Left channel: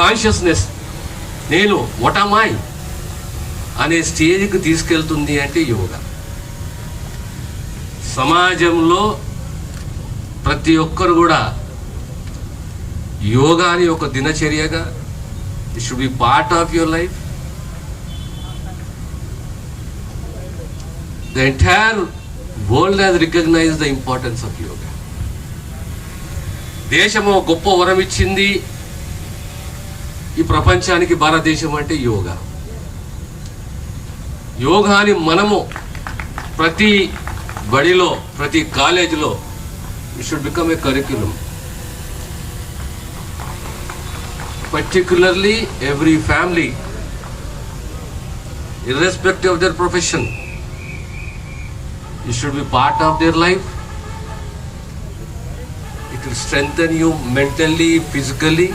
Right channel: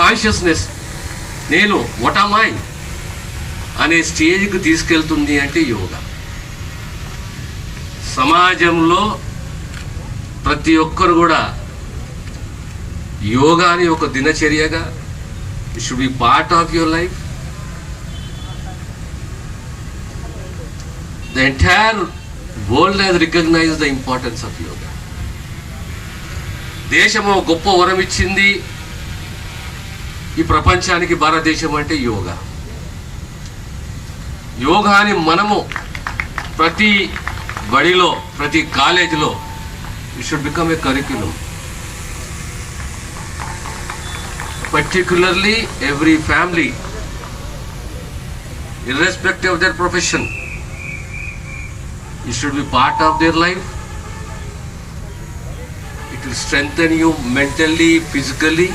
కాన్షియస్నెస్, నేను what am I అనే స్టేజ్కి తీసుకెళ్తుంది అంటే యోగా. సమాజంలో ప్రతి ఒక్కరు కూడా యోగాని ఒక దినచర్యగా, it should be part of your life. The entire world has recognized the importance of yoga. దేశము గొప్ప వరం ఇచ్చింది ఈ ప్రపంచానికి భారతదేశం అంటే యోగా. యోగాని మనము ప్రతి బడిలో, ప్రతి కాలేజీలో it should become a curriculum. Particularly every family, irrespective of their profession, it should be part of their life. It will strengthen you mentally, physically,